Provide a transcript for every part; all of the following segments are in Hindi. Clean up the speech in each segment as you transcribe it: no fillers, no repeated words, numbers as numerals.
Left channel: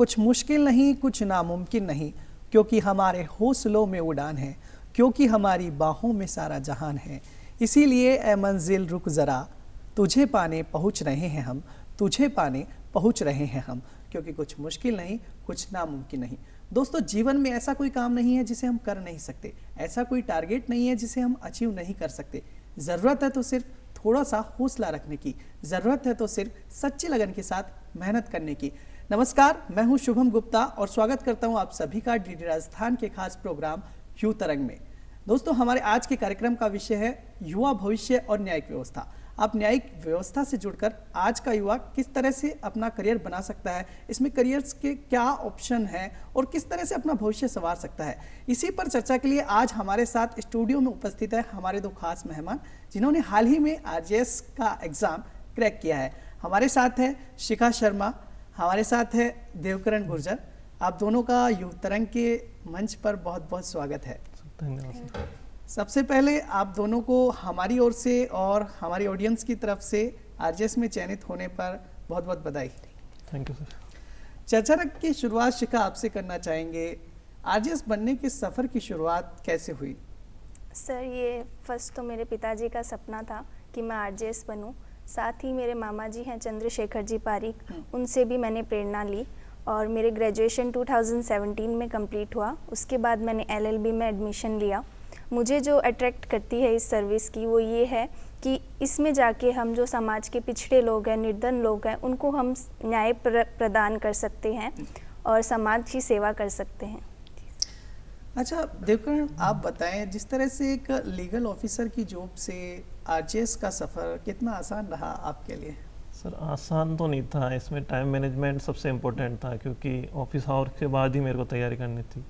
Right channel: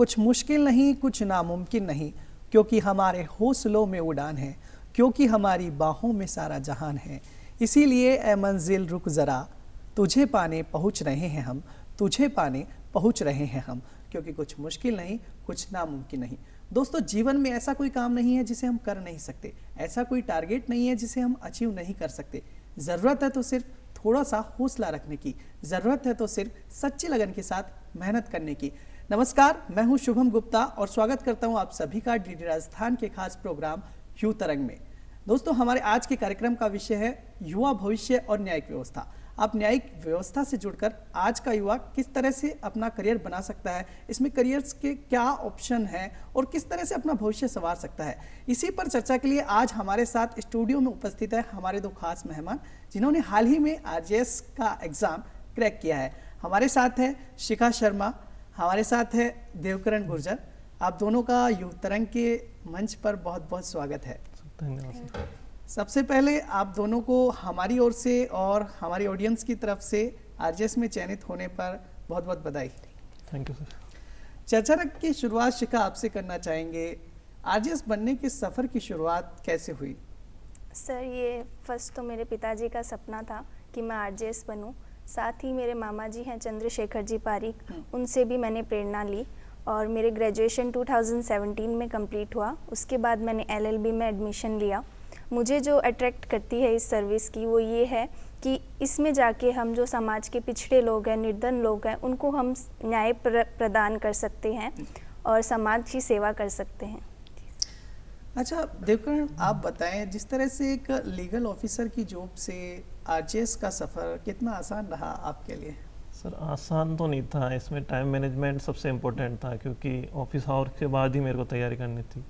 कुछ मुश्किल नहीं, कुछ नामुमकिन नहीं, क्योंकि हमारे हौसलों में उड़ान है, क्योंकि हमारी बाहों में सारा जहान है। इसीलिए ए मंजिल रुक ज़रा, तुझे पाने पहुँच रहे हैं हम, तुझे पाने पहुँच रहे हैं हम, क्योंकि कुछ मुश्किल नहीं, कुछ नामुमकिन नहीं। दोस्तों, जीवन में ऐसा कोई काम नहीं है जिसे हम कर नहीं सकते, ऐसा कोई टारगेट नहीं है जिसे हम अचीव नहीं कर सकते। ज़रूरत है तो सिर्फ थोड़ा सा हौसला रखने की, ज़रूरत है तो सिर्फ सच्ची लगन के साथ मेहनत करने की। नमस्कार, मैं हूं शुभम गुप्ता और स्वागत करता हूं आप सभी का डीडी राजस्थान के खास प्रोग्राम युवा तरंग में। दोस्तों, हमारे आज के कार्यक्रम का विषय है युवा भविष्य और न्यायिक व्यवस्था। आप न्यायिक व्यवस्था से जुड़कर आज का युवा किस तरह से अपना करियर बना सकता है, इसमें करियर्स के क्या ऑप्शन हैं और किस तरह से अपना भविष्य संवार सकता है, इसी पर चर्चा के लिए आज हमारे साथ स्टूडियो में उपस्थित है हमारे दो खास मेहमान जिन्होंने हाल ही में आरजेएस का एग्ज़ाम क्रैक किया है। हमारे साथ है शिखा शर्मा, हमारे साथ है देवकरण गुर्जर। आप दोनों का युवा तरंग के मंच पर बहुत बहुत स्वागत है। सबसे पहले आप दोनों को हमारी ओर से और हमारी ऑडियंस की तरफ से आरजेएस में चयनित होने पर बहुत बहुत बधाई। Thank you sir. चर्चा की शुरुआत शिखा आपसे करना चाहेंगे। आरजेएस बनने के सफ़र की शुरुआत कैसे हुई? सर, ये फर्स्ट तो मेरे पिताजी का सपना था कि मैं आरजेएस बनूं। साथ ही मेरे मामा जी हैं चंद्रशेखर जी पारिक, उनसे भी मैंने प्रेरणा ली और मेरे ग्रेजुएशन 2017 में कंप्लीट हुआ। उसके बाद मैंने एलएलबी में एडमिशन लिया। मुझे जो अट्रैक्ट करती है इस सर्विस की वो ये है कि इसमें जाके हम जो समाज के पिछड़े लोग हैं, निर्धन लोग हैं, उनको हम न्याय प्रदान कर सकते हैं और समाज की सेवा कर सकते हैं। अच्छा देवकरण, आप बताएं, जिस तरह से एक लीगल ऑफिसर की जॉब से आरजेएस का सफ़र कितना आसान रहा आपके लिए? सर, आसान तो नहीं था, इसमें टाइम मैनेजमेंट सबसे इम्पोर्टेंट था क्योंकि ऑफिस आवर के बाद ही मेरे को तैयारी करनी थी।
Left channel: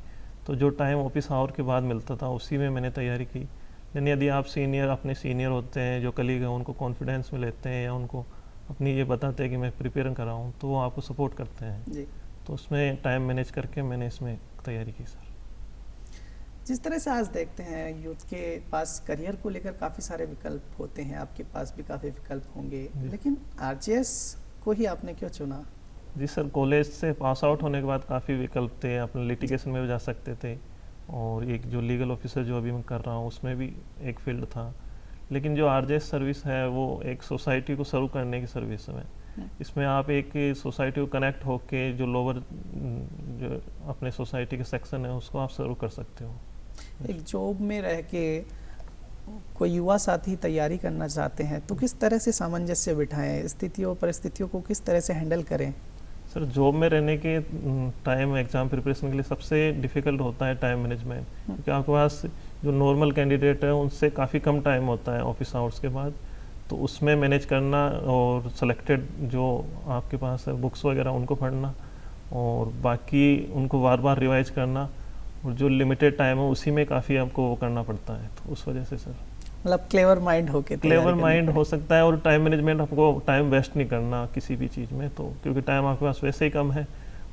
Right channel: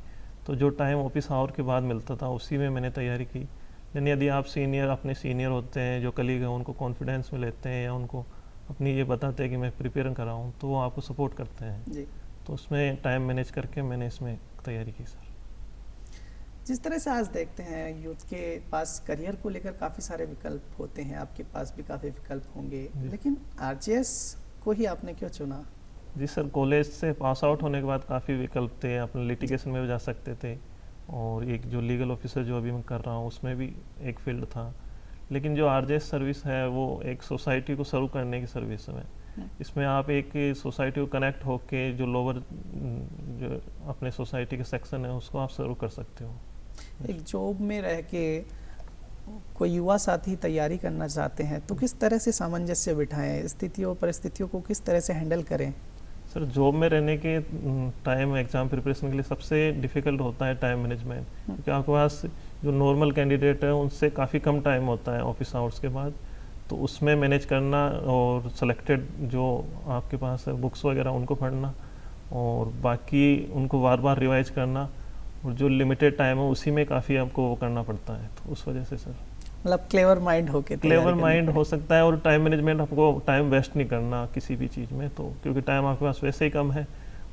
तो जो टाइम ऑफिस आवर के बाद मिलता था उसी में मैंने तैयारी की। यानी यदि आप अपने सीनियर होते हैं, जो कलीग हैं, उनको कॉन्फिडेंस में लेते हैं या उनको अपनी ये बताते हैं कि मैं प्रिपेयर कर रहा हूँ, तो वो आपको सपोर्ट करते हैं जी। तो उसमें टाइम मैनेज करके मैंने इसमें तैयारी की सर। जिस तरह से आज देखते हैं यूथ के पास करियर को लेकर काफ़ी सारे विकल्प होते हैं, आपके पास भी काफ़ी विकल्प होंगे, लेकिन आरजेएस को ही आपने क्यों चुना? जी सर, कॉलेज से पास आउट होने के बाद काफ़ी विकल्प थे। अपने लिटिगेशन में भी जा सकते थे और एक जो लीगल ऑफिसर जो अभी मैं कर रहा हूँ उसमें भी एक फील्ड था। लेकिन जो आरजेएस सर्विस है वो एक सोसाइटी को सर्व करने की सर्विस है। इसमें आप एक सोसाइटी को कनेक्ट होके जो लोअर जो अपने सोसाइटी के सेक्शन है उसको आप सर्व कर सकते हो। एक जॉब में रह के कोई युवा साथी तैयारी करना चाहते हैं तो किस तरह से सामंजस्य बिठाएं, स्थितियों परिस्थितियों को किस तरह से हैंडल करें? सर, जॉब में रहने के टाइम एग्ज़ाम प्रिपरेशन के लिए सबसे डिफ़िकल्ट होता है टाइम मैनेजमेंट, क्योंकि आपके पास जो नॉर्मल कैंडिडेट है उनसे काफ़ी कम टाइम होता है ऑफिस आवर्स के बाद। तो उसमें मैनेज करना और सेलेक्टेड जो आपके पास है बुक्स वगैरह उनको पढ़ना और बाकी उनको बार बार रिवाइज करना और जो लिमिटेड टाइम है उसी में काफ़ी आपको वो करना पड़ता है। तो उस वजह से सर मतलब क्लेवर माइंड हो सकता है और टाइम मैनेजमेंट, आपको टाइम वेस्ट नहीं करना किसी भी चीज़ में, तो क्योंकि टाइम आपके पास वैसे ही कम है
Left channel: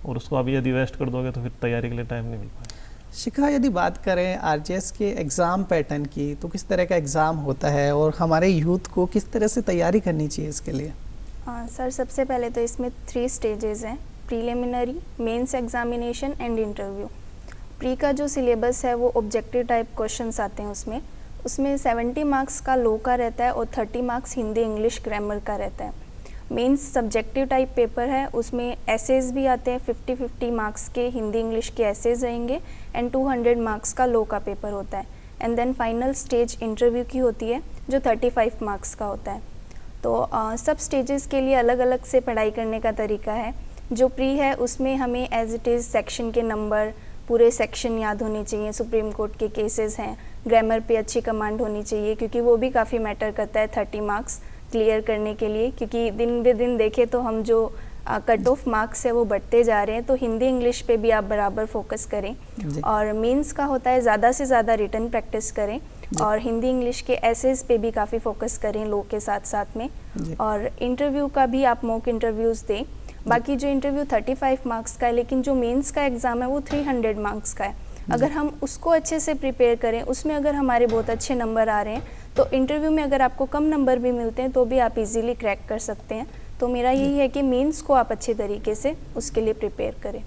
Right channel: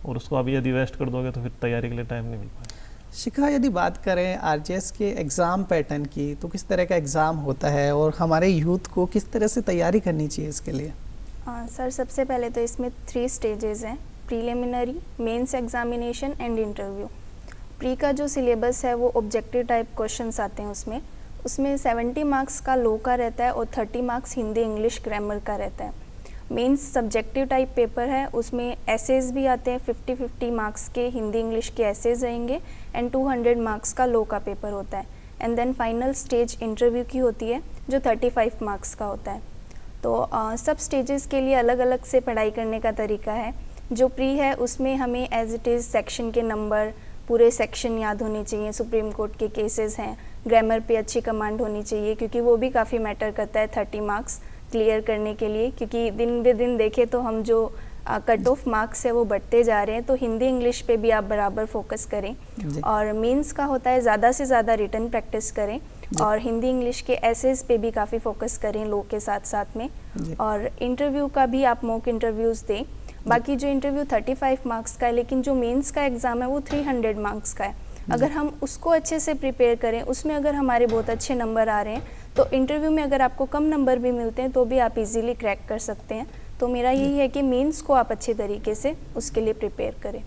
और उसको अभी यदि वेस्ट कर दोगे तो फिर तैयारी के लिए टाइम नहीं मिल पाएगा। शिखा, यदि बात करें आरजेएस के एग्ज़ाम पैटर्न की तो किस तरह का एग्ज़ाम होता है और हमारे यूथ को किस तरह से तैयारी करनी चाहिए इसके लिए? सर, सबसे पहले तो इसमें 3 स्टेजेस हैं: preliminary, mains examination and interview. Pre का जो सिलेबस है वो ऑब्जेक्टिव टाइप क्वेश्चंस आते हैं उसमें 70 मार्क्स का लॉ का रहता है और 30 मार्क्स हिंदी इंग्लिश ग्रामर का रहता है। मेंस सब्जेक्टिव टाइप पेपर है, उसमें एसेज भी आते हैं, 50-50 मार्क्स के हिंदी इंग्लिश के एसेज रहेंगे एंड 200 मार्क्स का लॉ का पेपर होता है। And then final stage interview की होती है जो 35 मार्क्स का होता है। तो सब स्टेजेस के लिए अलग अलग से पढ़ाई करने का तरीका है। जो प्री है उसमें हमें एज इट इज़ सेक्शन के नंबर, पूरे सेक्शन याद होने चाहिए, सुप्रीम कोर्ट के केसेस हैं, ग्रामर पे अच्छी कमांड होनी चाहिए क्योंकि वो भी काफ़ी मैटर करता है 30 मार्क्स क्लियर करने के लिए, क्योंकि दिन ब दिन देखें तो हम जो कट ऑफ मार्क्स है वो बढ़ते जा रहे हैं। तो हिंदी इंग्लिश पे भी आप बराबर फोकस करें और मेंस का होता है ज़्यादा से ज़्यादा रिटन प्रैक्टिस करें और हिंदी इंग्लिश के एसेज पे भी काफ़ी फोकस करें लॉ के साथ साथ में। और इंटरव्यू का भी आप मॉक इंटरव्यूज़ दें। बाकी जो इंटरव्यू 35 मार्क्स का है, लेकिन जो मेंस का एग्ज़ाम है वो 300 मार्क्स का है। अगर हम उसको अच्छे से प्रिपेयर करें, उसमें अगर हमारे बहुत अच्छे नंबर आ रहे हैं तो इंटरव्यू में अगर आपको कम नंबर भी मिलते हैं तो भी आप इजीली क्रैक कर सकते हैं। तो मेरा यही है कि मेंस को आप अच्छे तरीके से उसके लिए प्रिपेयर करें।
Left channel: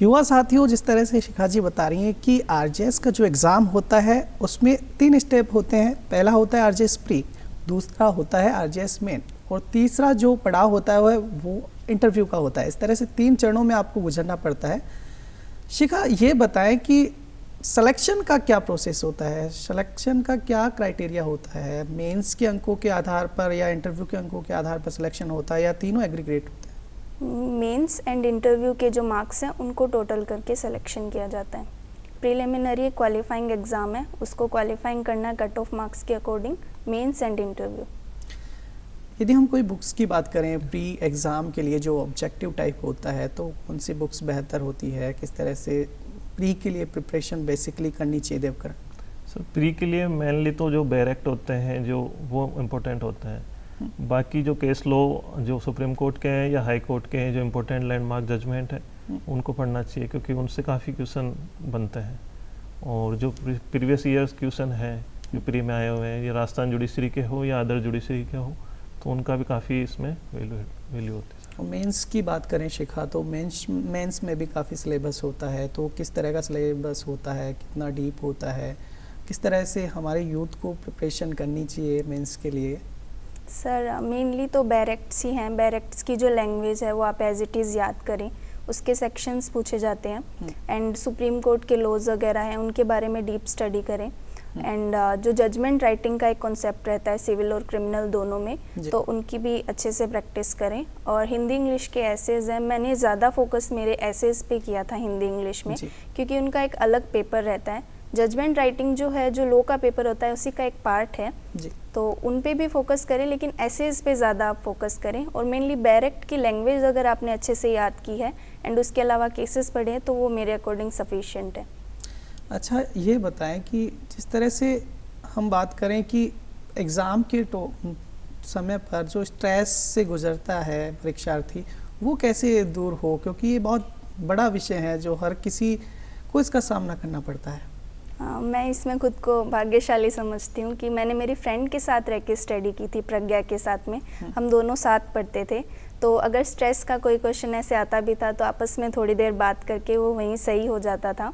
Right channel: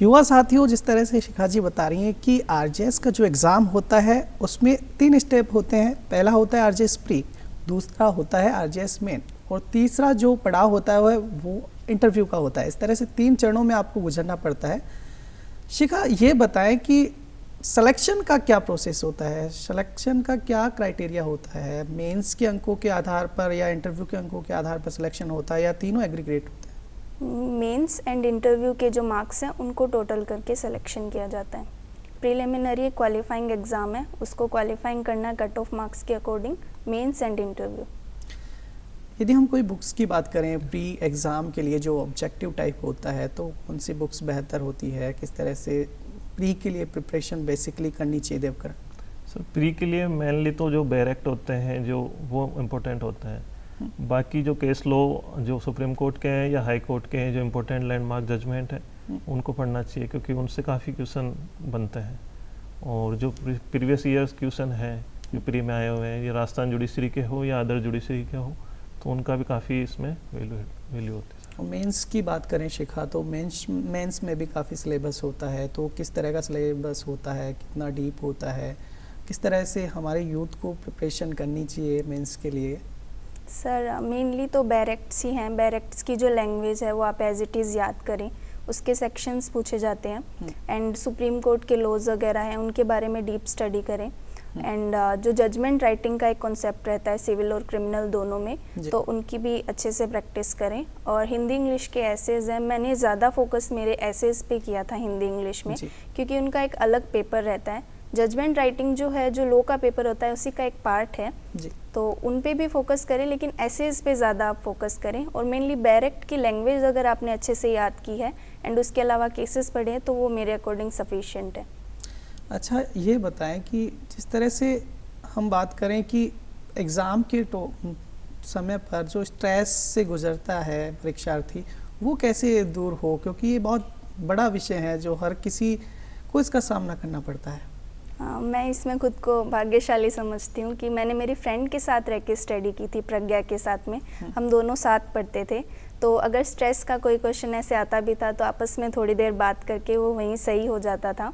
युवा साथियों, जिस तरह से शिखा जी बता रही हैं कि आरजेएस का जो एग्ज़ाम होता है उसमें 3 स्टेप होते हैं। पहला होता है आरजेएस प्री, दूसरा होता है आरजेएस मेन और तीसरा जो पड़ाव होता है वो इंटरव्यू का होता है। इस तरह से 3 चरणों में आपको गुजरना पड़ता है। शिखा, ये बताएं कि सिलेक्शन का क्या प्रोसेस होता है, सिलेक्शन का क्या क्राइटेरिया होता है? मेंस के अंकों के आधार पर या इंटरव्यू के अंकों के आधार पर सिलेक्शन होता है या तीनों एग्रीगेट होता है? मेंस एंड इंटरव्यू के जो मार्क्स हैं उनको टोटल करके सिलेक्शन किया जाता है। प्रीलिमिनरी क्वालिफाइंग एग्ज़ाम है, उसको क्वालिफाइंग करना है कट ऑफ मार्क्स के अकॉर्डिंग, मेंस एंड इंटरव्यू। यदि हम कोई बुक्स की बात करें प्री एग्ज़ाम के लिए जो ऑब्जेक्टिव टाइप होता है, तो कौन सी बुक्स बेहतर होती है? किस तरह से प्री के लिए प्रिपरेशन बेसिकली करनी चाहिए देवकर? सर प्री के लिए मेनली तो जो बैरेक्ट होते हैं जो वो इम्पोर्टेंट होता है। बाकी जो केस लॉ जो सुप्रीम कोर्ट के हैं या हाई कोर्ट के हैं जो इम्पोर्टेंट लैंडमार्क जजमेंट है उनको पढ़ना चाहिए, क्योंकि उनसे काफ़ी क्वेश्चन बनते हैं। और जो प्रीवियस ईयर्स क्वेश्चन है जो प्री में आए हुए हैं, ये राजस्थान जुडिशरी के हो या अदर जुडिशरी के हो, तो उनका भी काफ़ी इसमें वैल्यू होती है। मेंस की बात करें शिखा, तो मेंस में भी काफ़ी सिलेबस होता है, तो किस तरह का सिलेबस होता है, कितना डीप होता है, किस तरह से हमारे यूथ को प्रिपरेशन करनी चाहिए मेंस के लिए? सर मेनली तो बैरेक्ट्स ही हैं। बैरेक्ट्स की जो लैंग्वेज है वो आप एज इट इज़ याद करें, उसके सेक्शंस पूछे जाते हैं एंड सुप्रीम कोर्ट के लॉज वगैरह हैं उनके बारे में डीप स्टडी करें। एंड जो जजमेंट राइटिंग का एक कॉन्सेप्ट रहता है सिविल और क्रिमिनल दोनों में, तो उनकी भी अच्छे से प्रैक्टिस करें। और हिंदी इंग्लिश के एसेज हैं, मैंने ज़्यादा फोकस मेरे एसेज पे किया था हिंदी इंग्लिश में, क्योंकि उनका एक अलग पेपर रहता है। जजमेंट राइटिंग जो है जो लॉ का पेपर होता है उसी का एक पार्ट है जी। तो उन पे भी फोकस करें, लेकिन एसेज पे ज़्यादा आप फोकस करें। और मेनली बैरेक्ट की लैंग्वेज अगर आपने अच्छे से याद की है एंड उसके अलावा केसेस पढ़े हैं तो वो मेरे अकॉर्डिंग सफिशिएंट है। अच्छा, ये बताएं कि जिस तरह से हम बात करें कि एग्ज़ाम के समय पर जो स्ट्रेस से गुजरता है परीक्षार्थी, वो कैसे दूर हो, क्योंकि ये बहुत बड़ा विषय है जो हर किसी को इसका सामना करना पड़ता है। मैं इसमें खुद को भाग्यशाली समझती हूँ कि मैंने मेरी फ्रेंड के साथ रह के स्टडी की थी, प्रज्ञा के साथ में। हम दोनों साथ पढ़ते थे, तो अगर स्ट्रेस का कोई क्वेश्चन ऐसे आता भी था तो आपस में थोड़ी देर बात करके वो वहीं सही हो जाता था।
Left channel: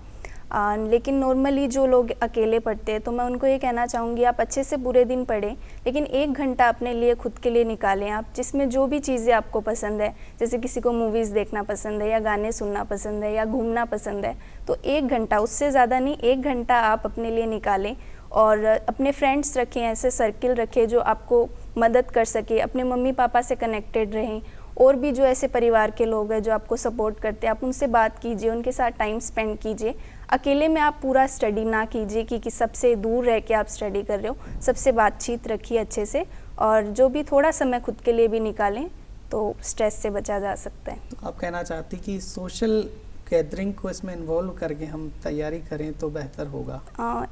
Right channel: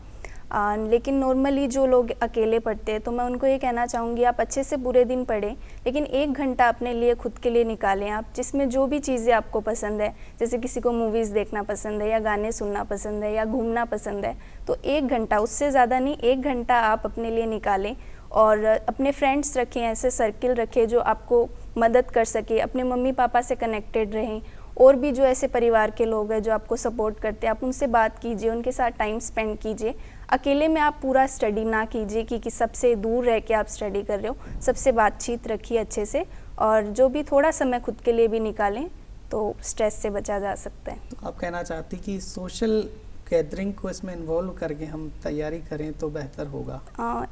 लेकिन नॉर्मली जो लोग अकेले पढ़ते हैं तो मैं उनको ये कहना चाहूँगी आप अच्छे से पूरे दिन पढ़ें, लेकिन 1 घंटा अपने लिए खुद के लिए निकालें आप, जिसमें जो भी चीज़ें आपको पसंद है, जैसे किसी को मूवीज़ देखना पसंद है या गाने सुनना पसंद है या घूमना पसंद है, तो 1 घंटा, उससे ज़्यादा नहीं, 1 घंटा आप अपने लिए निकालें। और अपने फ्रेंड्स रखें, ऐसे सर्किल रखें जो आपको मदद कर सके, अपने मम्मी पापा से कनेक्टेड रहें। और भी जो ऐसे परिवार के लोग हैं जो आपको सपोर्ट करते हैं, आप उनसे बात कीजिए, उनके साथ टाइम स्पेंड कीजिए। अकेले में आप पूरा स्टडी ना कीजिए कि सबसे दूर रह के आप स्टडी कर रहे हो, सबसे बातचीत रखिए अच्छे से, और जो भी थोड़ा समय खुद के लिए भी निकालें तो स्ट्रेस से बचा जा सकता है। आप कहना चाहती कि सोशल गैदरिंग को इसमें इन्वॉल्व करके हम तैयारी करें तो बेहतर होगा?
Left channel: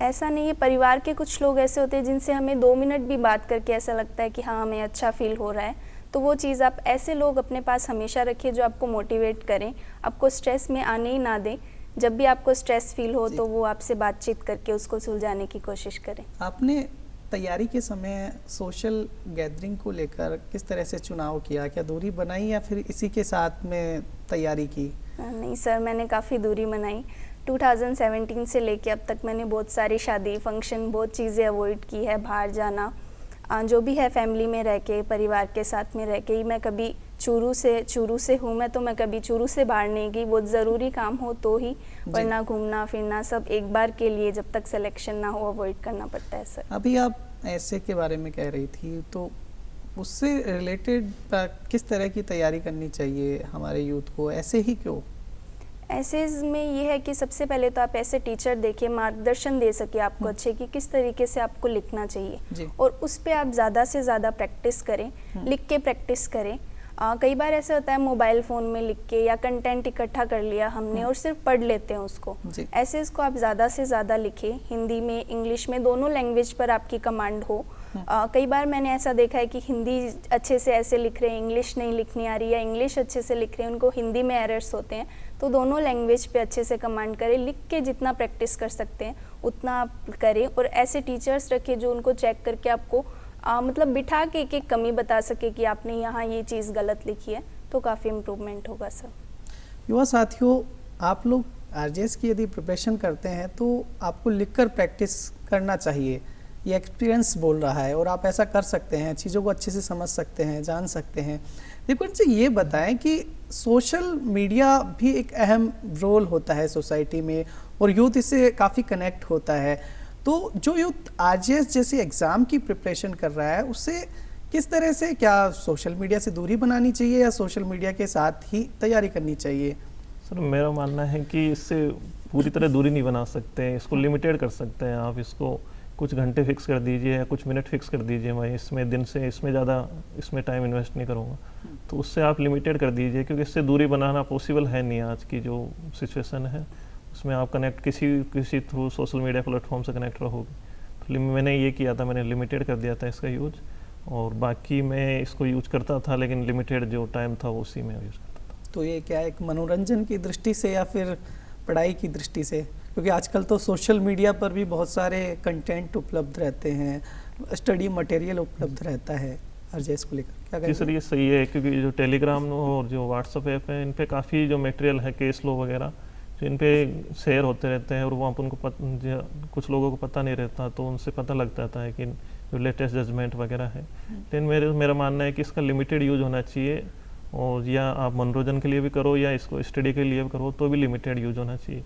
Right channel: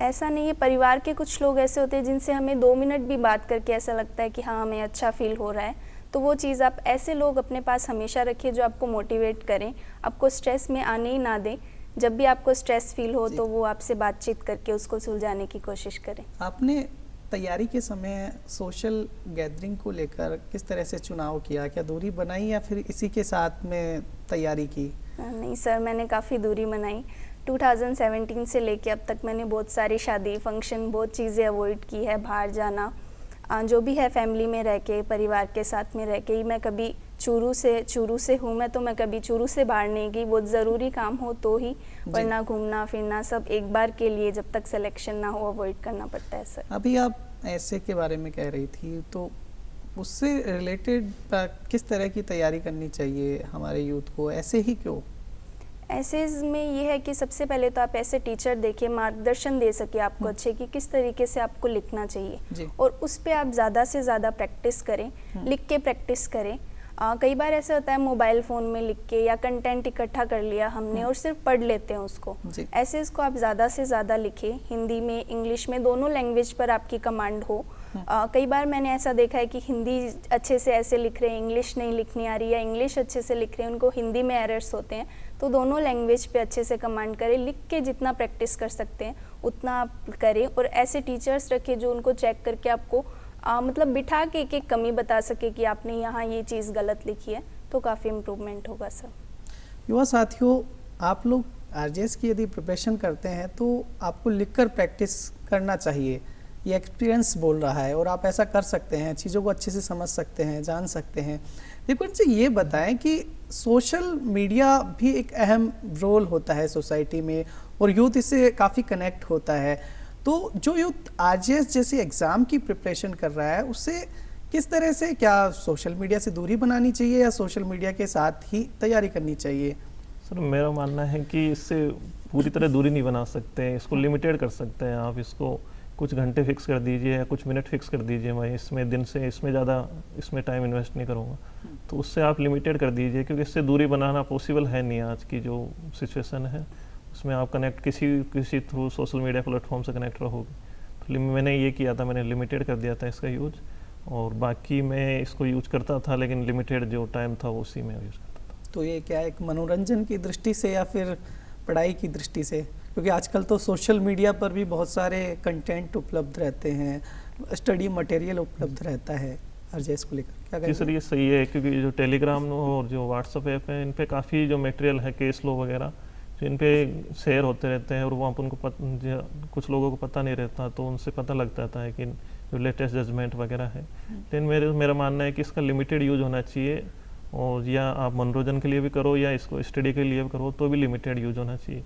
ऐसा नहीं है, परिवार के कुछ लोग ऐसे होते हैं जिनसे हमें 2 मिनट भी बात करके ऐसा लगता है कि हाँ हमें अच्छा फील हो रहा है, तो वो चीज़ आप ऐसे लोग अपने पास हमेशा रखिए जो आपको मोटिवेट करें, आपको स्ट्रेस में आने ही ना दें। जब भी आपको स्ट्रेस फील हो तो वो आपसे बातचीत करके उसको सुलझाने की कोशिश करें। आपने तैयारी के समय सोशल गैदरिंग को लेकर किस तरह से चुनाव किया? क्या दूरी बनाई या फिर इसी के साथ में तैयारी की? नहीं सर, मैंने काफ़ी दूरी बनाई। 2017 से लेके अब तक मैंने बहुत सारी शादी, फंक्शन, बहुत चीज़ें अवॉइड की है। बाहर जाना, जो भी है फैमिली में रह के, परिवार के साथ में रह के ही। मैं कभी चूरू से हूँ मैं, तो मैं कभी चूरू से बाहर नहीं गई, बहुत ज़रूरी काम हो तो ही, वरना घूमना फिरना सब एक बार के लिए जब तक सिलेक्शन ना हो अवॉइड करना पड़ता है सर। अभी आप ऐसे के बारे में कह रही थी, तो उससे रिलेटेड किस तरह की तैयारी करनी चाहिए हमारे यूथ को? ऐसे ही क्यों? ऐसे में ये है कि सबसे पहले तो आप ऐसे टीचर देखिए, मार्गदर्शन दे सके आपको अच्छे कि किस तरीके से आपको लिखना चाहिए, और उस पर आप ज़्यादा से ज़्यादा प्रैक्टिस करें, लिख के प्रैक्टिस करें। कई बार ऐसा होता है मोबाइल फ़ोन में लिख के या कंटेंट इकट्ठा कर लिया हमने और सिर्फ पढ़ लेते हैं उसको। ऐसे इसको आप ज़्यादा से ज़्यादा लिखें, हिंदी में, इंग्लिश में, दोनों लैंग्वेज पर आपकी कमांड हो। कई बार मैंने ऐसा देखा है कि हिंदी अच्छे से ऐसे लिख रहे हैं, इंग्लिश नहीं लिखनी आ रही, या इंग्लिश अच्छे से लिख रहे हैं, उनको हिंदी में एरर्स होते हैं, तो दोनों लैंग्वेज पे अच्छे से कमांड करें। लिख के जितना प्रैक्टिस कर सकते हैं उतना आप करें, और ऐसे टीचर्स रखें जो उनको चेक करके आपको मतलब बिठा के एक एक कमी बता सके कि आपने यहाँ ये चीज़ गलत लिखी है, तो काफ़ी इम्प्रूवमेंट होगा सर। युवा साथियों, आप लोग आरजेएस की यदि प्रिपरेशन करते हैं तो आपको लिखकर प्रैक्टिस करना चाहिए। ये एक्सपीरियंस बोल रहा है और आप ऐसा कर सकते हैं, चीज़ों को अच्छे से समझ सकते हैं, जान सकते हैं। लेकिन जी ये बताएं कि सोशल मीडिया भी एक अहम रोल होता है सोसाइटी में और यूथ इससे काफ़ी कनेक्ट होता है। तो जो यूथ आरजेएस जैसे एग्ज़ाम की प्रिपरेशन कर रहा है उससे किस तरह से, क्या सोशल मीडिया से दूरी बनानी चाहिए या सोशल मीडिया के साथ ही तैयारी करनी चाहिए? सर मेरा मानना है कि इससे पूरी तरह दूरी नहीं बना सकते, इसको लिमिटेड कर सकते हैं आप। इसको कुछ घंटे फिक्स कर दीजिए या कुछ मिनट फिक्स कर दीजिए, मैं इसमें दिन से इसमें ज़्यादा इसमें टाइम इन्वेस्ट नहीं करूँगा, तो उससे आप लिमिटेड कर दीजिए, क्योंकि इससे दूरी बनाना पॉसिबल है नहीं। आज की जो सिचुएशन है उसमें आप कनेक्ट किसी थ्रू सोशल मीडिया प्लेटफॉर्म से कनेक्ट रहोगे। तो मैंने ये किया था, मैंने लिमिटेड कर दिया था इसका यूज, और बाकी मैं इसको यूज करता था लेकिन लिमिटेड जो टाइम था वो उसी में यूज करता था। तो ये क्या एक मनोरंजन की दृष्टि से या फिर पढ़ाई की दृष्टि से? क्योंकि आजकल तो सोशल मीडिया पर भी बहुत सारे कंटेंट उपलब्ध रहते हैं, स्टडी मटेरियल उपलब्ध रहता है आरजेएस को लेकर, क्या जी सर ये सही है, क्योंकि जो टेलीग्राम और जो व्हाट्सएप ऐप है इन पे काफ़ी जो मटेरियल है, केस लो वगैरह जो इन पे शेयर होते रहते हैं, और वहाँ पर उनको कुछ लोगों को पता नहीं रहता, तो उनसे पता लग जाता है कि जो लेटेस्ट जजमेंट वगैरह है। लेकिन मेरा मानना है कि इसका लिमिटेड यूज होना चाहिए, और या आप मनोरंजन के लिए भी करो या इसको स्टडी के लिए भी करो तो भी लिमिटेड यूज होना चाहिए।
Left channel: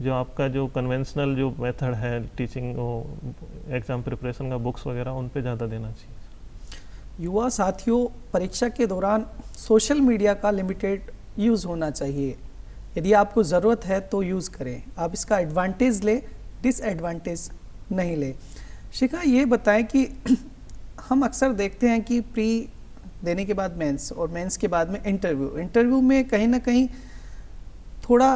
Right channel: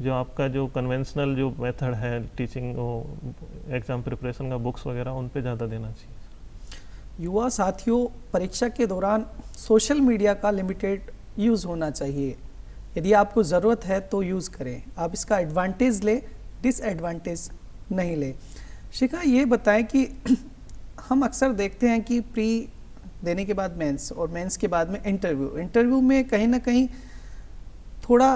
जो आपका जो कन्वेंशनल जो मेथड है टीचिंग एग्ज़ाम प्रिपरेशन का, बुक्स वगैरह, उन पे ज़्यादा देना चाहिए। युवा साथियों, परीक्षा के दौरान सोशल मीडिया का लिमिटेड यूज़ होना चाहिए। यदि आपको ज़रूरत है तो यूज़ करें, आप इसका एडवांटेज लें, डिसएडवांटेज नहीं लें। शिखा ये बताएं कि हम अक्सर देखते हैं कि प्री देने के बाद मेंस और मेंस के बाद में इंटरव्यू में कहीं ना कहीं थोड़ा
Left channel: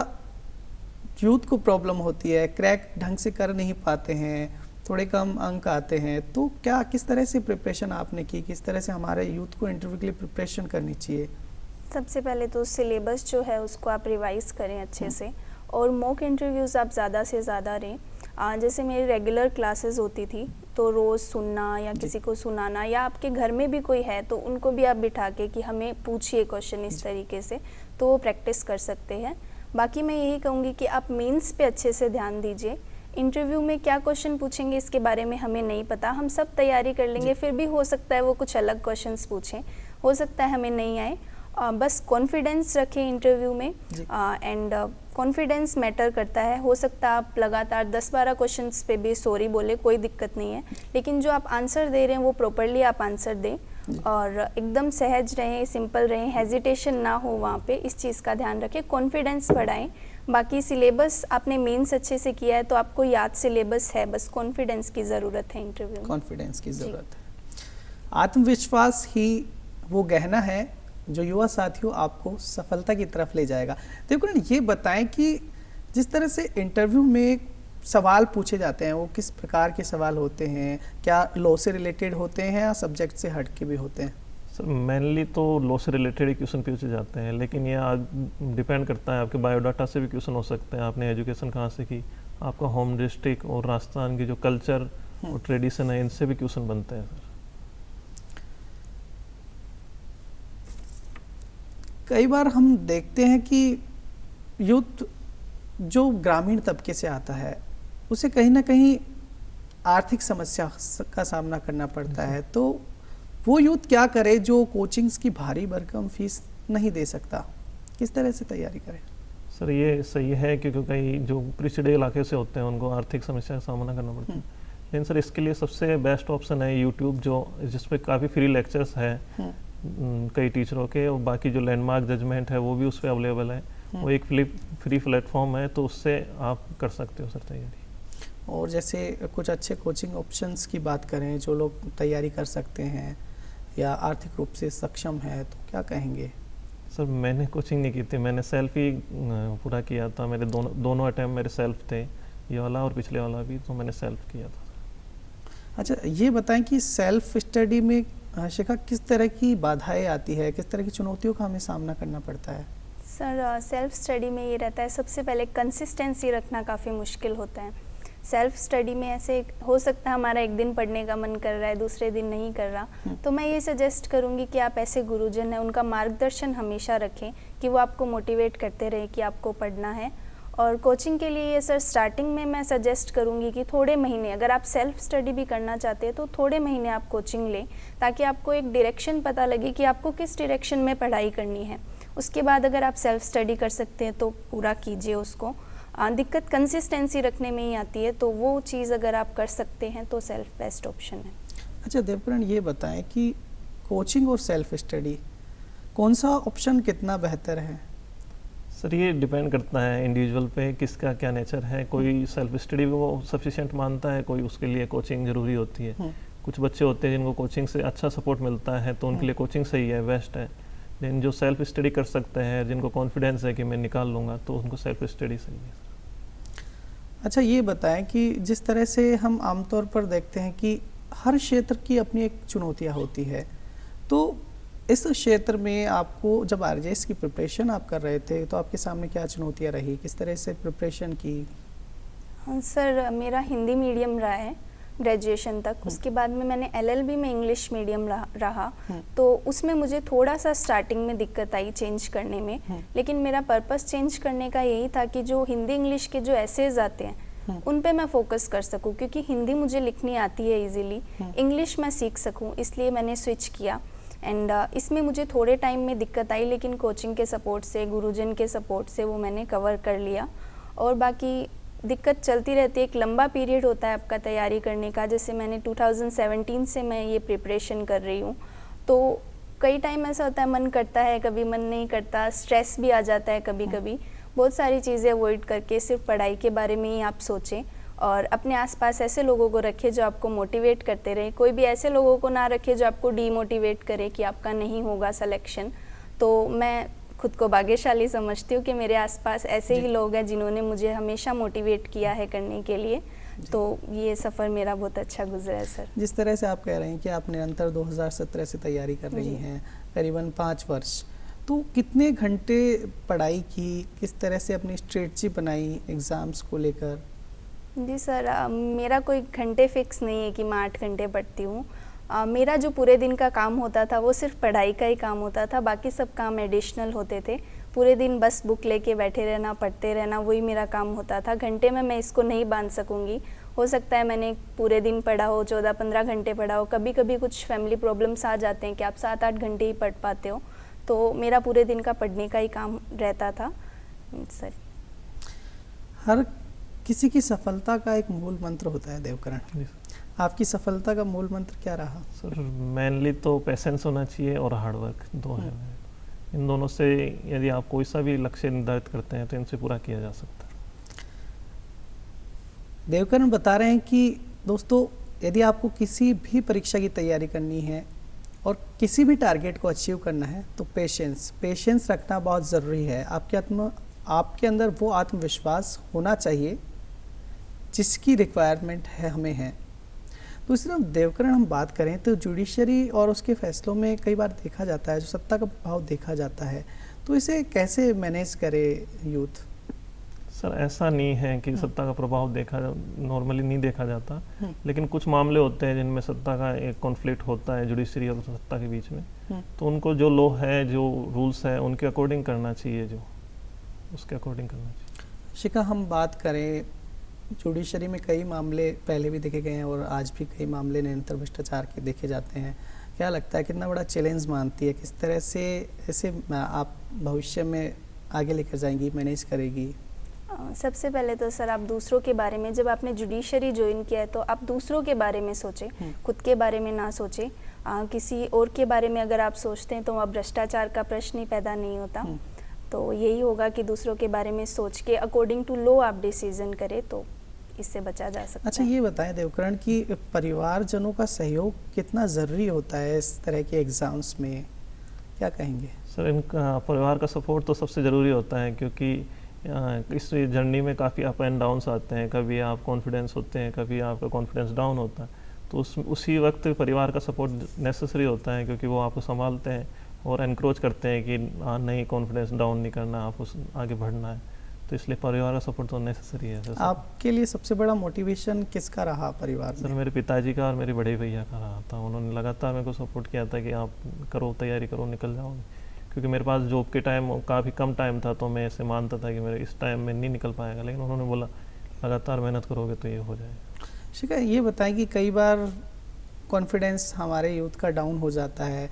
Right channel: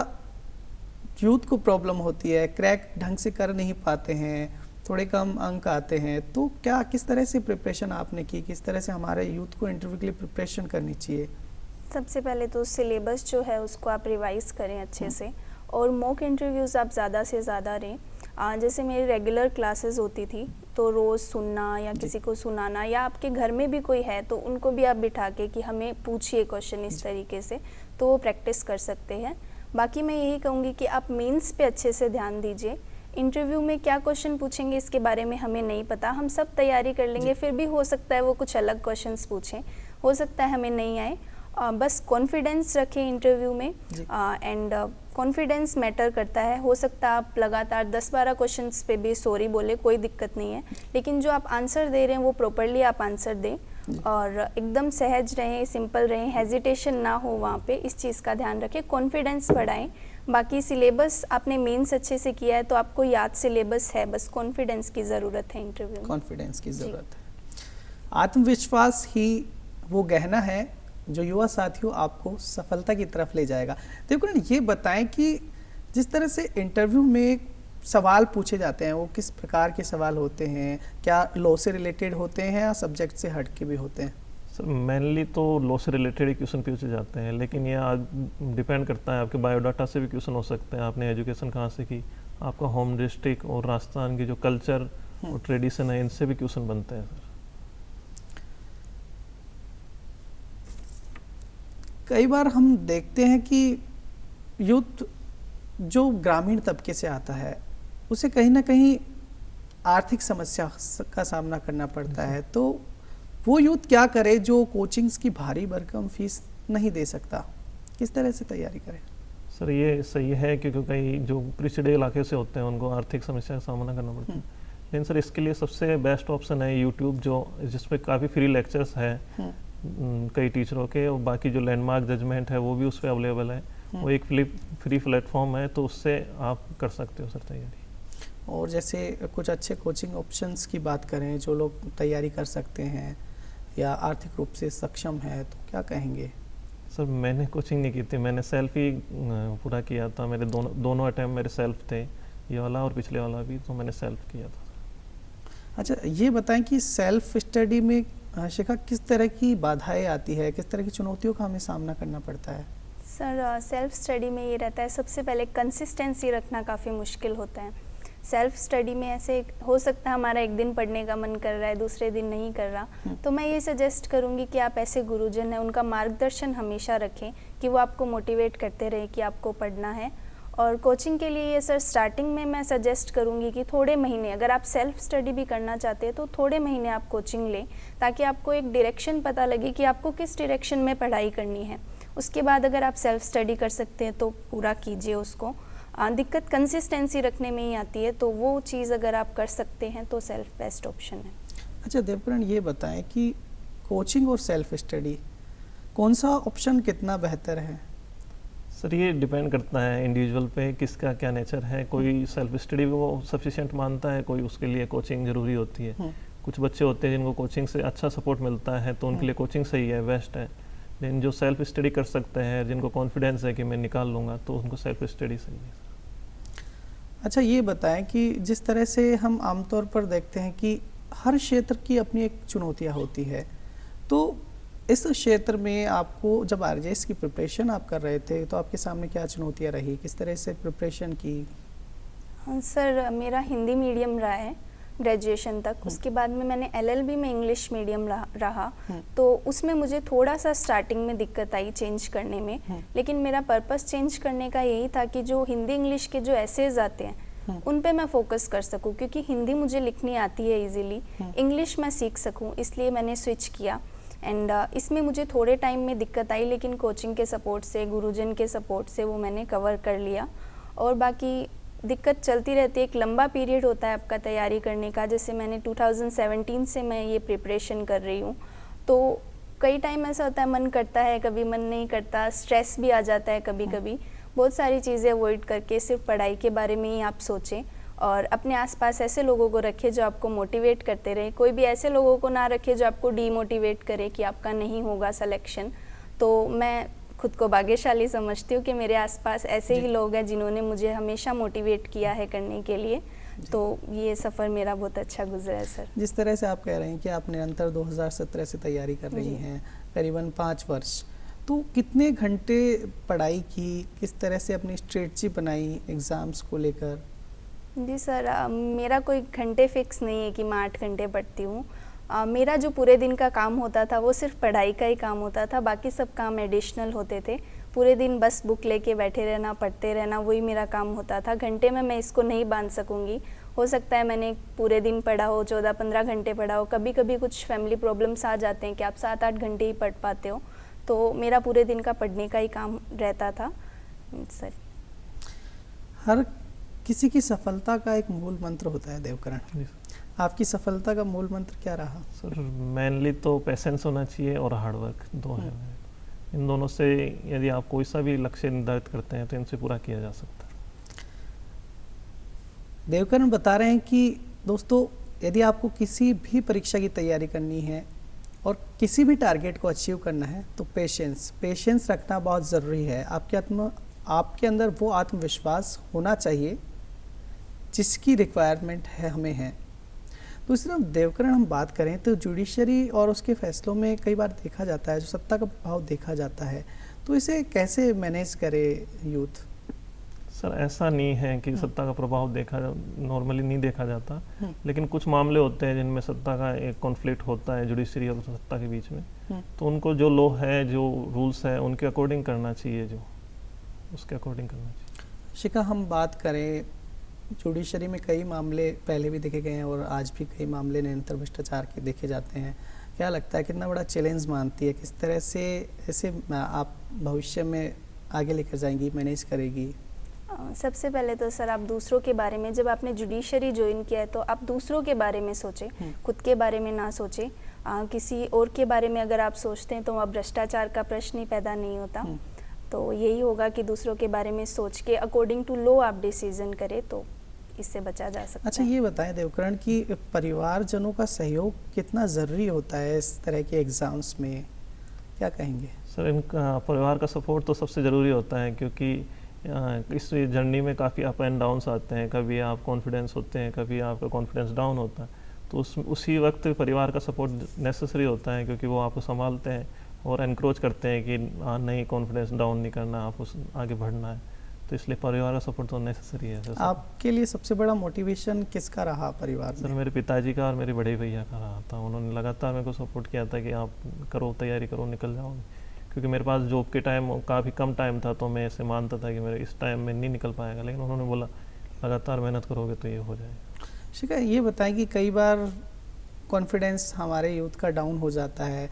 यूथ को प्रॉब्लम होती है, क्रैक ढंग से कर नहीं पाते हैं, थोड़े कम अंक आते हैं। तो क्या किस तरह से प्रिपरेशन आपने की, किस तरह से हमारे यूथ को इंटरव्यू के लिए प्रिपरेशन करनी चाहिए? सबसे पहले तो सिलेबस जो है उसको आप रिवाइज करें अच्छे से, और मॉक इंटरव्यूज़ आप ज़्यादा से ज़्यादा दें। जैसे मेरी रेगुलर क्लासेस होती थी तो रोज़ सुनना या किसी को सुनाना, या आपके घर में भी कोई है तो उनको भी आप बिठा के कि हमें पूछिए क्वेश्चन इस तरीके से, तो वो प्रैक्टिस कर सकते हैं। बाकी मैं यही कहूँगी कि आप मेंस पे अच्छे से ध्यान दीजिए। इंटरव्यू में क्या क्वेश्चन पूछेंगे इसके बारे में हमें नहीं पता, हम सब तैयारी कर लेंगे, फिर भी हो सकता है वो कुछ अलग क्वेश्चंस पूछें, हो सकता है हमें नहीं आए। बस कॉन्फिडेंस रखें इंटरव्यू में, एंड कॉन्फिडेंस मैटर करता है। हो सकता है आप लगातार 10-12 क्वेश्चंस पे भी सॉरी बोले, कोई दिक्कत नहीं है, लेकिन जो आप आंसर दे रहे हैं वो प्रॉपरली आप आंसर दें, और एकदम सहज रहें, सिंपल रहें, हेजिटेशन ना हो वहाँ पे, इस चीज़ का ध्यान रखें, कॉन्फिडेंस बढ़ाएं। बाकी सिलेबस आपने मेंस अच्छे से किया है तो आपको याद सिलेबस है, बस कॉन्फिडेंस की ज़रूरत है इंटरव्यू में। कॉन्फिडेंस की ज़रूरत है। आत्मविश्वास ही वो गहना है जो युवा साथियों आपको सफलता की तरफ ले जाएगा। देखो ये बताएं कि जिस तरह से इंटरव्यू में सवाल पूछे जाते हैं वो किस प्रकार के सवाल होते हैं, क्या लॉ से रिलेटेड होते हैं या सब्जेक्ट से हट के भी होते हैं? सर मेनली तो लॉ से रिलेटेड ही क्वेश्चन पूछे जाते हैं, लेकिन यह डिपेंड करता है, आपके बायोडाटा से भी क्वेश्चन हो सकते हैं, आपने एजुकेशन कहाँ से की, आपका होम डिस्ट्रिक्ट और राजस्थान की जो कल्चर और ट्रेडिशन है, इनसे भी क्वेश्चन बनते हैं। सर कई बार हम देखते हैं कि यूथ जो ग्रामीण तबके से आता है उसे कहीं ना कहीं आर्थिक समस्या का सामना करना पड़ता है, तो वो यूथ क्या करे जो कोचिंग्स की भारी भरकम फीस नहीं दे सकता, किस तरह से तैयारी करे? सर ये सही है, क्योंकि कई जो पिछड़े इलाके से होते हैं उनको आर्थिक समस्या का सामना करना पड़ता है, लेकिन सर इसके लिए सबसे बेस्ट ऑप्शन है यूट्यूब, जो जिसपे काफ़ी फ्री लेक्चर्स है कई टीचरों के, और बाकी जो लैंडमार्क जजमेंट है वो भी उस पर अवेलेबल है। वो एक फ्री प्लेटफॉर्म है, तो उससे आप कर सकते हो सर तैयारी। और जैसे कुछ अच्छे कोचिंग ऑप्शंस की बात करें जो लोग तैयारी कर सकते हैं या आर्थिक रूप से सक्षम है, तो क्या कहेंगे? सर मैंने कोचिंग नहीं की थी, मैंने सेल्फ ही पूरा किया था, मेरे दोनों अटैम्प्ट मेरे सेल्फ थे, ये वाला और पिछले वाला भी, तो मैंने सेल्फ किया था। अच्छा ये बताएं कि सेल्फ स्टडी में शिखा किस तरह की बाधाएं आती है, किस तरह की चुनौतियों का हमें सामना करना पड़ता है? सर सेल्फ स्टडी में ये रहता है, सबसे पहले कंसिस्टेंसी रखना काफ़ी मुश्किल होता है। सेल्फ स्टडी में ऐसे हो सकता है हमारा एक दिन पढ़ने का मन कर रहा है, दूसरे दिन नहीं कर रहा, तो मैं ये सजेस्ट करूँगी कि आप ऐसे गुरुजन हैं उनका मार्गदर्शन हमेशा रखें कि वो आपको मोटिवेट करते रहे कि आपको पढ़ना है। और कोचिंग के लिए सर स्टार्टिंग में मैं सजेस्ट करूँगी कि थोड़े महीने, अगर आप सेल्फ स्टडी भी करना चाहते हैं तो थोड़े महीने आप कोचिंग लें, ताकि आपको एक डायरेक्शन पता लगे कि आपको किस डायरेक्शन में पढ़ाई करनी है। उसके बाद अगर आप सेल्फ स्टडी कर सकते हैं तो पूरा कीजिए उसको। दिक्कत कंसिस्टेंसी रखने में ही आती है, तो वो चीज़ अगर आप कर सकते हैं तो सेल्फ बेस्ट ऑप्शन है। अच्छा देवकरण, ये बताएं कि कोचिंग और सेल्फ स्टडी कौन सा ऑप्शन कितना बेहतर है? सर ये डिपेंड करता है इंडिविजुअल पे, किसका क्या नेचर है। कोई सेल्फ स्टडी को सफिशिएंट मानता है, कोई उसके लिए कोचिंग ज़रूरी होती है। कुछ बच्चे होते हैं जिनको कोचिंग से अच्छा सपोर्ट मिलता है तो उनके लिए कोचिंग सही है, बेस्ट है। लेकिन जो सेल्फ स्टडी कर सकते हैं, जिनको कॉन्फिडेंस है कि मैं निकाल लूँगा, तो उनको सेल्फ स्टडी सही है। अच्छा ये बताएं कि जिस तरह से हम आमतौर पर देखते हैं कि हर क्षेत्र की अपनी एक चुनौतियाँ होती है, तो इस क्षेत्र में आपको जब आरजेएस की प्रिपरेशन आप कर रहे थे तो आपके सामने क्या चुनौतियाँ रही, किस तरह से प्रिपरेशन की? सर मेरा हिंदी मीडियम रहा है ग्रेजुएशन तक। उसके बाद में मैंने एलएलबी में इंग्लिश मीडियम रहा, तो उसमें मुझे थोड़ा सा स्टार्टिंग में दिक्कत आई चेंज करने में। लेकिन मेरा पर्पस चेंज करने का यही था कि जो हिंदी इंग्लिश के जो एसेज आते हैं उन पे मैं फोकस कर सकूं, क्योंकि हिंदी मुझे लिखनी आती है इजीली, इंग्लिश मैं सीख सकूं, इसलिए मैंने स्विच किया। एंड इसमें मुझे थोड़े टाइम में दिक्कत आई, लेकिन कोचिंग के सपोर्ट से, गुरुजन के सपोर्ट से वो मैंने कवर कर लिया। और बाकी दिक्कत चलती रहती है, एक लंबा पीरियड होता है आपका तैयारी करने का। जैसे मैंने 2017 से मैं ये प्रिपरेशन कर रही हूँ, तो कई टाइम ऐसा होता है मन करता है, कभी मन नहीं करता, स्ट्रेस भी आ जाता है कभी कभी। बहुत सारी चीज़ें अवॉइड करके सिर्फ पढ़ाई के बारे में ही आप सोचें, और अपने आसपास ऐसे लोगों को रखें जो आपको मोटिवेट करते रहे। कोई भी ऐसे लोगों को ना रखें जो आपको डीमोटिवेट करे कि आपका नहीं होगा सिलेक्शन। तो मैं खुद को भाग्यशाली समझती हूँ कि मेरे आसपास ऐसे ही लोग हैं जिन्होंने मुझे हमेशा मोटिवेट किया है करने के लिए। तो ये सफ़र मेरा बहुत अच्छा गुजरा है सर। जिस तरह से आप कह रहे हैं कि आप निरंतर 2017 से तैयारी कर रही हैं, करीबन 5 वर्ष, तो कितने घंटे पढ़ाई की, किस तरह से अपनी स्ट्रेटजी बनाई एग्ज़ाम्स को लेकर? जी सर, मेरा कोई घंटे फिक्स नहीं है कि मैं 8 घंटे पढ़ती हूँ। मेरा जो पूरे दिन का काम होता था वो सिर्फ पढ़ाई का ही काम होता था, बाकी सब काम एडिशनल होते थे। पूरे दिन बस बुक लेके बैठे रहना, पढ़ते रहना, वही मेरा काम होता था। घंटे में मैं इसको नहीं बांध सकूँगी। हो सकता है मैंने पूरे दिन पढ़ा हो, 14-15 घंटे पढ़ा हो, कभी कभी कुछ फैमिली प्रॉब्लम्स आ जाते हैं कि आप 7-8 घंटे ही पढ़ पाते हो। तो मेरा पूरे दिन का पढ़ने का ही काम रहता था सर। हर किसी की सफलता का एक मूल मंत्र होता है देवकरण, आपकी सफलता का मूल मंत्र क्या रहा? सर मेनली तो पेशेंस होना चाहिए और हार्डवर्क, दो है। इन दोनों से यदि आप कोई सा भी लक्ष्य निर्धारित करते हैं तो इनसे पूरा किया जा सकता है। देवकरण बता रहे हैं कि दोस्तों, यदि आपको किसी भी परीक्षा की तैयारी करनी है और किसी भी टारगेट को अचीव करना है तो पेशेंस रखना बहुत ज़रूरी है। आपके अंदर वो आत्मविश्वास होना चाहिए जिसकी रिक्वायरमेंट है हमें है। दूसरा देवकरण हम बात करें तो जुडिशरी और उसके फैसलों में कई बार देखा जाता है, जो सत्ता का प्रभाव देखा जाता है, तो इसे कैसे मैनेज करे यूथ? सर ऐसा नहीं है कि सत्ता का प्रभाव नॉर्मली नहीं देखा जाता, लेकिन कुछ मामले होते हैं जिनमें सत्ता का एक कॉन्फ्लिक्ट होता है जुडिशरी और सत्ता के बीच में, तो उनको जो लॉ है, जो रूल्स हैं, उनके अकॉर्डिंग करना चाहिए, जो उसके अकॉर्डिंग करना चाहिए। शिखा, हम बात करें जुडिशरी में कई मामले पहले भी देखे गए हैं और आज भी कई मामले निरंतर भ्रष्टाचार के देखे जाते हैं। क्या लगता है कितना बड़ा चैलेंज मानती है, किस तरह से इसे आप भविष्य में आगे लेकर जाएंगी, मैनेज करेगी? सबसे पहले तो सर आप दूसरों के बारे में, जब आपने जुडिशरी ज्वाइन किया है तो आप दूसरों के बारे में सोचें, खुद के बारे में ना सोचें। किसी और के बारे में अगर आप सोचते हैं तो वहाँ भ्रष्टाचार का प्रश्न ही पैदा नहीं होता। तो यही होगा कि दूसरों के बारे में सोच के अकॉर्डिंग टू लॉ आप डिसीजन करें, तो इससे बचा जा सकता है। अच्छा ये बताएं देवकरण कि परिवारजनों का सहयोग कितना ज़रूरी होता है इस तरह के एग्ज़ाम्स में, क्या कहेंगे? सर इनका परिवार का सपोर्ट तो सबसे ज़रूरी होता है, क्योंकि इस जर्नी में काफ़ी अप एंड डाउन्स आते हैं। कभी आप कॉन्फिडेंस होते हैं, कभी आपका कॉन्फिडेंस डाउन होता है, तो उसी वक्त परिवार का सपोर्ट नेसेसरी होता है, क्योंकि वो आपको संभालते हैं और एनकरेज करते हैं कि नहीं, कॉन्फिडेंस डाउन नहीं करना, आपको आगे बढ़ना है। तो इसलिए परिवार का सपोर्ट तो नेसेसरी है सर। आपके लिए सबसे बड़ा मोटिवेशन किसका रहा परिवार सर में? मेरे पिताजी का और मेरे बड़े भैया का रहा था। उन्होंने लगातार मेरे को सपोर्ट किया था कि आप करो, तैयारी करो, निकल जाओगे। क्योंकि मेरे पास जॉब के टाइम काफ़ी कम टाइम था, तो मैं ऐसे मानता था कि मेरे इस टाइम में नहीं निकल पाएगा, लेकिन उन्होंने बोला लगातार मेहनत करोगे तो ये हो जाएगा। शिखा, ये बताएं कि कई बार कॉन्फिडेंस हमारे यूथ का डाउन हो जाता है,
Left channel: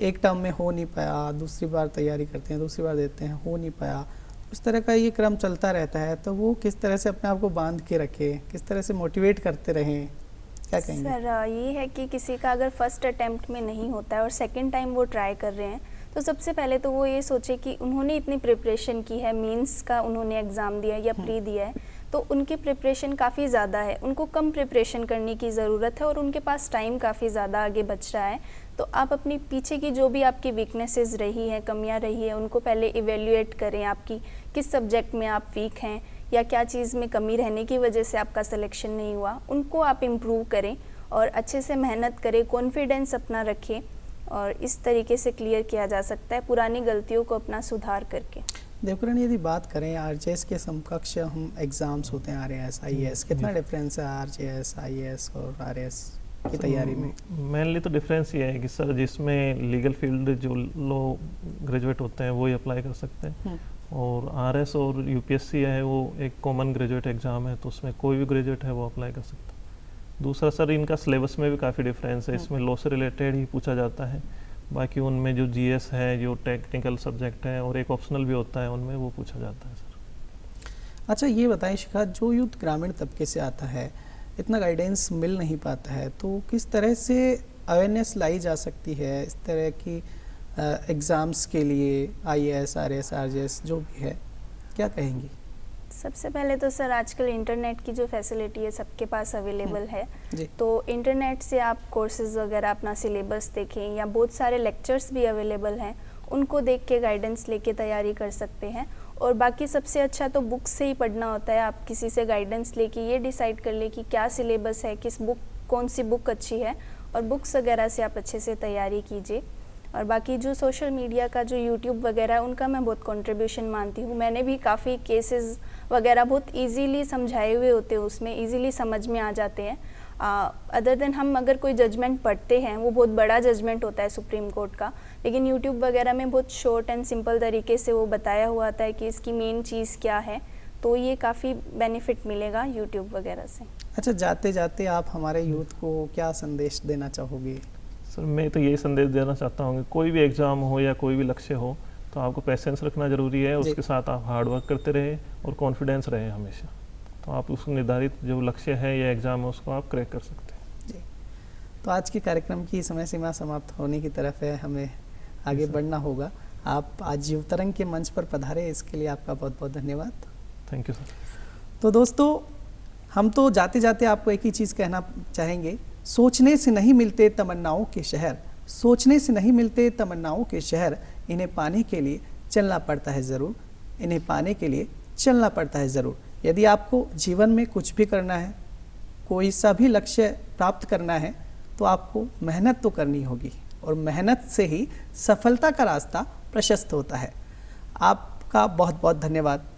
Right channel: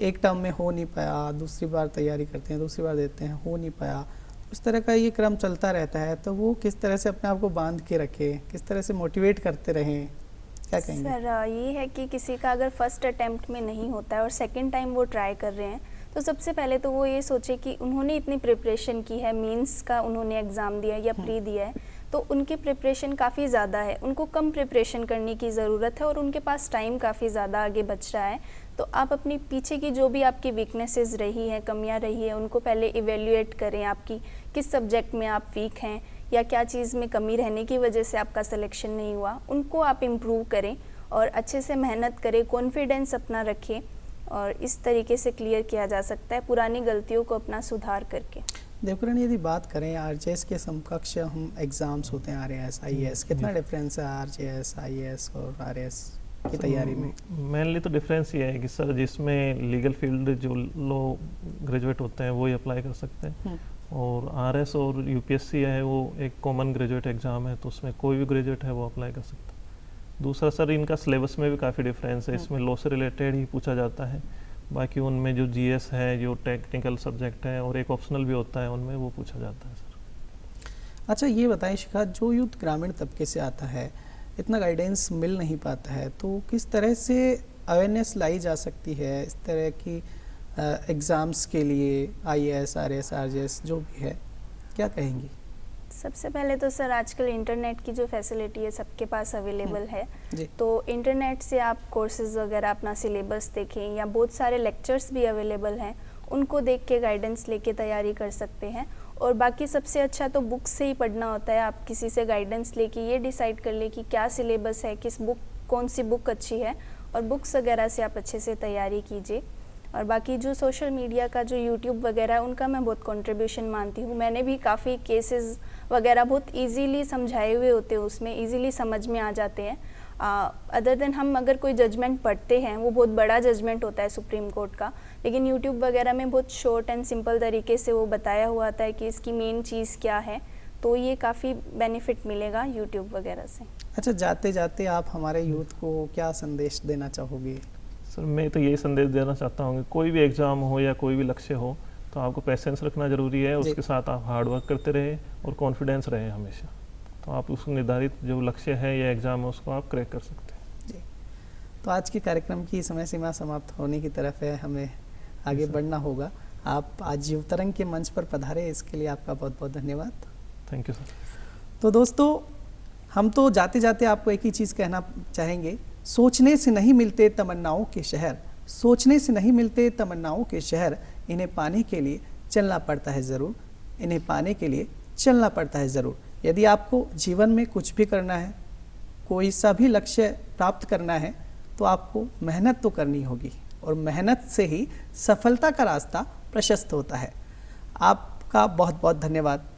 एक टर्म में हो नहीं पाया, दूसरी बार तैयारी करते हैं, दूसरी बार देते हैं, हो नहीं पाया, इस तरह का ये क्रम चलता रहता है, तो वो किस तरह से अपने आप को बांध के रखें, किस तरह से मोटिवेट करते रहें, क्या कहेंगे? सर ये है कि किसी का अगर फर्स्ट अटेम्प्ट में नहीं होता है और सेकंड टाइम वो ट्राई कर रहे हैं, तो सबसे पहले तो वो ये सोचे कि उन्होंने इतनी प्रिपरेशन की है, मेंस का उन्होंने एग्ज़ाम दिया है या प्री दिया है, तो उनकी प्रिपरेशन काफ़ी ज़्यादा है, उनको कम प्रिपरेशन करने की ज़रूरत है और उनके पास टाइम काफ़ी ज़्यादा आगे बच रहा है। तो आप अपनी पीछे की जो भी आपकी वीकनेसेस रही हैं, कमियां रही है, उनको पहले इवेल्युएट करें, आपकी किस सब्जेक्ट में आप वीक हैं या क्या चीज़ में कमी रहने की वजह से आपका सिलेक्शन नहीं हुआ, उनको आप इम्प्रूव करें और अच्छे से मेहनत करें, कॉन्फिडेंस अपना रखें और इस तरीके से क्लियर किया जा सकता है पुरानी गलतियों को अपना सुधार करके। देवकरण, यदि बात करें आरजेएस के समकक्ष हम एग्ज़ाम्स होते हैं, आरएएस, आईएएस, कितना डिफरेंस है आरजेएस, आईएएस और आरएएस की तैयारी में? मेनली तो डिफरेंस ये है कि सर जिसमें लीगल फील्ड जो लोग ग्रेजुएट होते हैं वो ही अप्लाई कर सकते हैं, और आरएस और यूपीएससी है वो एक कॉमन ग्रेजुएट एग्ज़ाम है, तो उसमें कोई भी ग्रेजुएट है वो अप्लाई कर सकता है। दूसरा सर इनका सिलेबस में भी काफ़ी डिफरेंस है, इसमें लॉ से रिलेटेड ही पूछा जाता है, बाकी उनमें जो जीएस है, जो टेक्निकल सब्जेक्ट है और एक ऑप्शनल भी होता है, उनमें वो पूछा जाता है सर। अच्छा, ये बताइए शिखा, जो यूथ ग्रामीण तबके से आता है, इतना गाइडेंस मिल नहीं पाता है, तो किस तरह से अवेयरनेस लाई जा सकती है इस तरह की एग्ज़ाम्स के लिए, आईएएस, आरएएस, आरजेएस जो भी है, क्या कहेंगी? सबसे पहले तो सर आजकल इंटरनेट की जो फैसिलिटी है सबके पास अवेलेबल है, तो इंटरनेट से आप कोर्सेज वगैरह अपना सिलेबस देखें या बहुत सारे लेक्चर्स भी अवेलेबल हैं, उनको देख के गाइडेंस लेके तैयारी कर सकते हैं। और बाकी सबसे अच्छा तो बुक से ही पढ़ना होता है, आप किसी से गाइडेंस लेके ये डिसाइड कर ले कि क्या सिलेबस है, किस बुक, कौन सी बुक अच्छी है, और बुक्स वगैरह से आप अच्छे से तैयारी कीजिए। और बाकी जो सोशल मीडिया का जो यूट्यूब वगैरह है उनका मैं बहुत कंट्रीब्यूशन मानती हूँ, मैंने भी काफ़ी केसेस वगैरह बहुत इजीली समझाए हुए होते हैं, उसमें इजीली समझ में आ जाते हैं। अदर देन हम अगर कोई जजमेंट पढ़ते हैं, वो बहुत बड़ा जजमेंट होता है सुप्रीम कोर्ट का, लेकिन यूट्यूब वगैरह में बहुत शॉर्ट एंड सिंपल तरीके से वो बताया हुआ आता है कि इसकी मेन चीज़ क्या है, तो ये काफ़ी बेनिफिट मिलेगा यूट्यूब वगैरह से। अच्छा, जाते जाते आप हमारे यूथ को क्या संदेश देना चाहोगे? सर मैं तो यही संदेश देना चाहता हूँ कि कोई भी एग्ज़ाम हो या कोई भी लक्ष्य हो, तो आपको पेशेंस रखना ज़रूरी है, उसके साथ आप हार्ड वर्क करते रहे और कॉन्फिडेंस रहे हमेशा, तो आप उस निर्धारित जो लक्ष्य है या एग्ज़ाम है उसको आप क्रैक कर सकते हैं। जी, तो आज के कार्यक्रम की समय सीमा समाप्त होने की तरफ है, हमें आगे बढ़ना होगा। आप आज युवतरंग के मंच पर पधारे, इसके लिए आपका बहुत बहुत धन्यवाद। Thank you sir. तो दोस्तों, हम तो जाते जाते आपको एक ही चीज़ कहना चाहेंगे, सोचने से नहीं मिलते तमन्नाओं के शहर, सोचने से नहीं मिलते तमन्नाओं के शहर, इन्हें पाने के लिए चलना पड़ता है ज़रूर, इन्हें पाने के लिए चलना पड़ता है ज़रूर। यदि आपको जीवन में कुछ भी करना है, कोई सा भी लक्ष्य प्राप्त करना है, तो आपको मेहनत तो करनी होगी, और मेहनत से ही सफलता का रास्ता प्रशस्त होता है। आपका बहुत बहुत धन्यवाद।